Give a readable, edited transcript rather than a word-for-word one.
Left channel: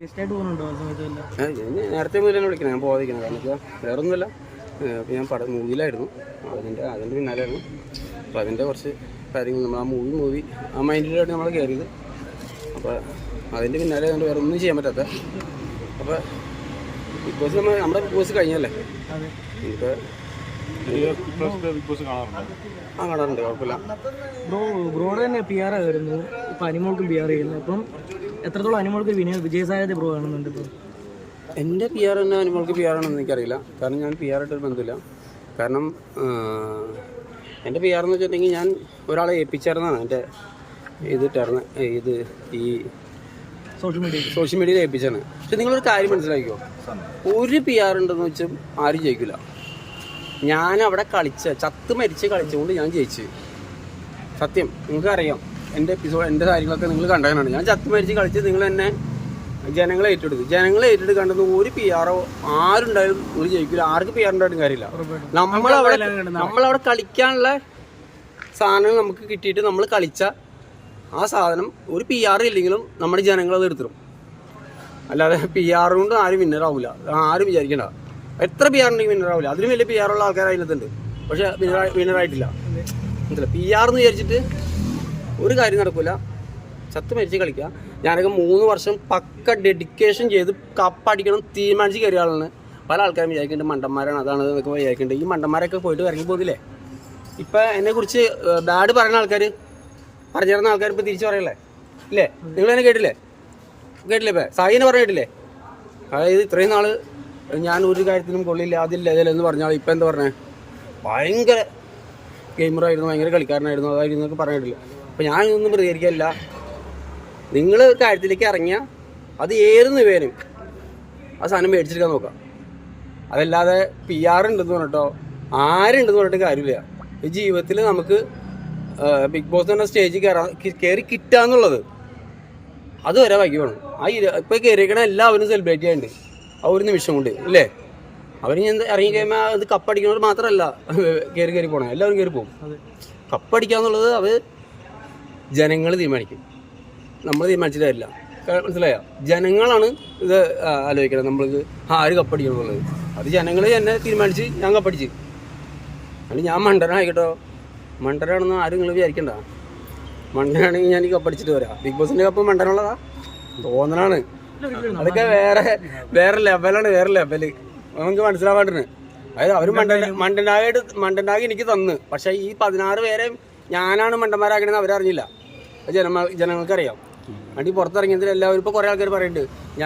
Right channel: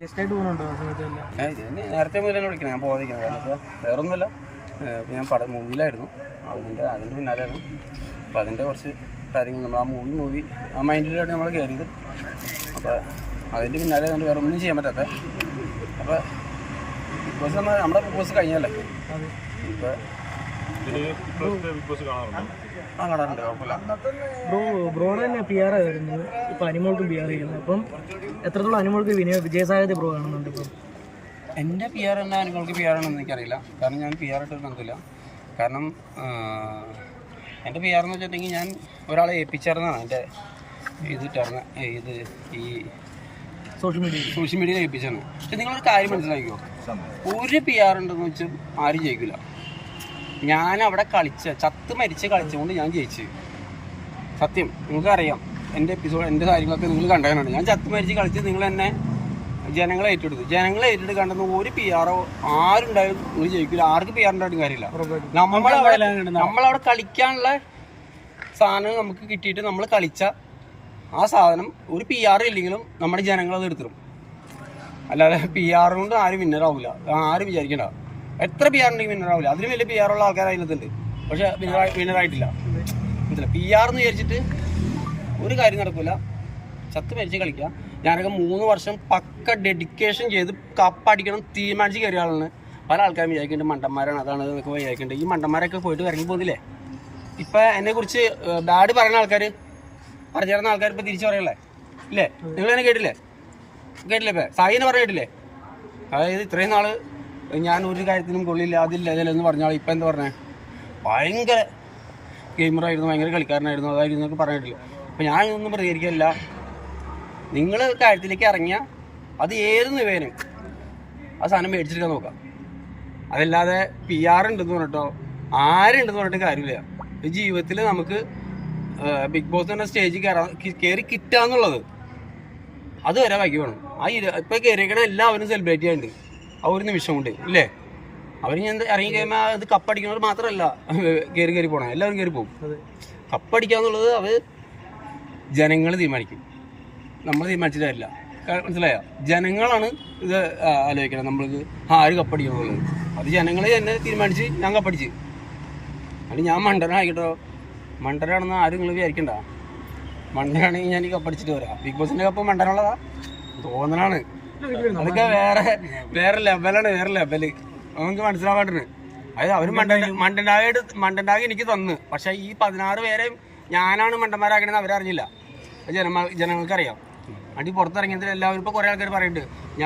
നേരത്തെ മുതൽ തന്നെ വിളിക്കണം, ഞാൻ പോകാതിരിക്കണം. കാരണം വെച്ചാൽ വേറൊന്നുമില്ല, ഞാൻ മൂവിയിലായിരുന്നു, അതിൻ്റെ പിന്നാലെയാണ്. അപ്പോൾ അതിൻ്റെ കുറച്ച് കാര്യങ്ങൾ നമ്മൾ ആ മൈൻഡിലാണ് നമ്മൾ കയറിയത്. അപ്പോൾ അതിൻ്റെ പിന്നാലെ കൊണ്ട് വേറെ ഒന്നും ചെയ്യാൻ പറ്റാത്ത. അപ്പോൾ ബിഗ് ബോസ് നമ്മുടെ ബിഗ് ബോസ് കഴിഞ്ഞല്ലേ, ഇപ്പോൾ കാണാറുണ്ട്, കുഴപ്പമില്ല. ബ്രോയുടെ തന്നെ പി ആർ ആയിരുന്നു, ഇപ്പം അനിമോൾക്കും പി ആർ ചെയ്യുന്നത്. അപ്പം എത്രത്തോളം അനിമോൾക്ക് വിജയസാധ്യത ബ്രോ കാണുന്നുണ്ട്? ഇപ്പം എൻ്റെ പി ആർ തന്നെ അനിമോൾക്ക് പി ആർ ആണെന്ന് എനിക്കറിയില്ല, കാരണം ഞാൻ പി ആർ ആയിട്ടൊരു ബന്ധമില്ല. കാരണം എൻ്റെ പി ആർ എന്ന് വെച്ചിട്ടുണ്ടെങ്കിൽ ഞാൻ ഒരാളെ ഏൽപ്പിച്ചായിരുന്നാണ് എൻ്റെ ഈ സോഷ്യൽ മീഡിയയിൽ ഏൽപ്പിച്ചാണ്. പക്ഷെ നിങ്ങളൊരു കാര്യം മനസ്സിലാക്കിയോ, ഒരു പി ആർ ഉണ്ടെന്ന് വെച്ചാൽ ആരും ജയിക്കില്ല. ഞാൻ അവിടെ ചത്ത് മരിച്ച് കളിച്ചുകൊണ്ട് ഞാൻ ജയിച്ചു. സത്യം, നിങ്ങൾക്കറിയാം എൻ്റെ എപ്പിസോഡ്, എൻ്റെ കാര്യങ്ങളൊക്കെ നിങ്ങൾ കണ്ടതാണ്. ഞാൻ ചത്ത് മരിച്ച് കളിച്ച് നിങ്ങൾ എന്നെ ജനങ്ങളെ ഏറ്റെടുത്ത് കണ്ടെന്ന് ഒരു പി ആറോ ആരുണ്ടായാലും നിങ്ങൾ ജയിക്കില്ല. ആർക്ക് പി ആർ ഉണ്ടായിട്ടും കാര്യമില്ല. നമ്മളവിടെ കളിക്കാനുള്ള സാധനങ്ങൾ നമുക്ക് കിട്ടിയിട്ട് നമ്മൾ കളിച്ച ആ സാധനം ഒരു പി ആർ ഇല്ലെങ്കിലും നമ്മുടെ ജനങ്ങളത് എടുത്തിടും. അല്ലാതെ പി ആർ കൊണ്ട് ആരും വിന്നറാവില്ല, ആരും വിചാരിക്കണ്ട. എത്ര പി ആർ ഉണ്ടെങ്കിൽ വിന്നറാവില്ല. അതിലും വലിയ പി ആറുള്ള ആൾക്കാർ അതിനകത്തുണ്ട്, പക്ഷെ വിന്നറായിട്ടില്ല. മനസ്സിലായി? പി ആർ എന്ന് വിചാരിച്ചിട്ട് ഒരു കാര്യം നടക്കില്ല. ചത്ത് മരിച്ച് കളിക്കുക. ഞാനൊക്കെ 3 വർഷം പക്ക ഡെഡിക്കേഷൻ ചെയ്ത് കപ്പടിക്കണം തീരുമാനിച്ച് കയറിയ ആളാണ്. പല ആൾക്കാരും വിചാരിക്കുന്നുണ്ട് മണ്ടന്മാരാണ്, അതാണ് എന്നൊക്കെ വിചാരിക്കുന്നുണ്ട്. ഈ മണ്ടന്മാരൊക്കെ പോയിട്ട് ഇറങ്ങി പോകുന്നില്ലേ? ഇപ്പം എന്നെക്കുറിച്ച് ബാഡ് പറയുന്ന ആൾക്കാർ, പറഞ്ഞു തരുന്ന ആൾക്കാർ ഇപ്പോൾ തിരിച്ചു പറയല്ലേ? ഇല്ലേ? നിങ്ങളെന്നെ കേട്ടില്ലേ? ഇപ്പം സായിനെ പറഞ്ഞിട്ടില്ലേ? അതായത് ഇത്രയും നാൾ ഞാൻ ഒരു കാര്യത്തിനും കൊള്ളില്ല, അതില്ലെന്ന് പറഞ്ഞാൽ ഇപ്പം എന്താ പറഞ്ഞത്? ഭയങ്കര ഗെയിമറായിരുന്നു, ഭയങ്കര കളിക്കാരനായിരുന്നു, അതായിരുന്നു എന്നൊക്കെ പറഞ്ഞിട്ടില്ല. അപ്പോൾ ഞാൻ ഇതൊന്നും പ്രതികരിക്കില്ല. നിങ്ങൾ കാര്യത്തിലേക്ക് ഇറങ്ങിയാൽ അത് ഏത് നിവേനും ആ സാധനം മേടിച്ചെടുക്കാൻ നോക്കാം. അതല്ലാതെ പി ആർ ഉണ്ടെന്ന് പറഞ്ഞിട്ടോ ആരുണ്ടെന്ന് പറഞ്ഞിട്ട് കാര്യമില്ല. ഈ ജീവിതത്തിൽ നമുക്ക് ബിഗ് ബോസ് എന്ന സ്റ്റേജിൽ കയറി കിട്ടാന്നുള്ളത് അതുവരെ വൈകി വേണം. ഇപ്പോൾ കയറിയിരിക്കണ എല്ലാവരും സെലിബ്രേറ്റ് ചെയ്യുന്നുണ്ട് ആ ഒരു നിമിഷം കൊണ്ട്, ഇല്ലേ? അവർ ഞാൻ ഇറങ്ങി കഴിയുമ്പോൾ അത് കപ്പടിക്കുന്നവർ മാത്രമല്ല കയറി പോകണം, എല്ലാവരും കയറി പോകും. കപ്പടിക്കാന്നുള്ളത് അവർ ജനങ്ങൾ തീരുമാനിക്കും, നമ്മൾ തീരുമാനിച്ചിട്ട് തരില്ല. മനസ്സിലായോ? ജനങ്ങളാണ് ഇത് ആലോചിക്കണം, നമ്മൾക്ക് ആര് കപ്പടിക്കണമെന്നുള്ളത്. അത് ജനങ്ങൾ തന്നെ തീരുമാനിച്ച് ഞാൻ കപ്പടിച്ച്. അത് ഞാൻ മണ്ടനായിക്കട്ടോ, മണ്ടനാണെന്ന് ആരും നിങ്ങൾ വിചാരിക്കണ്ട. മണ്ടനാണെങ്കിൽ ഞാൻ കപ്പടിച്ചിട്ട് വരാം. ബിഗ് ബോസിൻ്റെ കപ്പ് മണ്ടനുള്ളതാ തോന്നലാണ്. അതൊക്കെ വേറെ ലെവലാണ്, വേറെ ലെവല്. നമുക്ക് മനസ്സിലാവാണ്ടിന്. അതായത് അവർ മണ്ടനായി എനിക്ക് തന്ന്, പക്ഷെ ഈ 16 പേരെ ഞാനാണ് മണ്ടന്മാരാക്കണമെന്ന് അവരറിഞ്ഞില്ല. ജനങ്ങൾക്കറിയാം. വണ്ടി പുറത്തിറങ്ങിയതിൽ എല്ലാവരും ഇപ്പോൾ കുറേ ആൾക്കാർ പറയുന്നുണ്ട്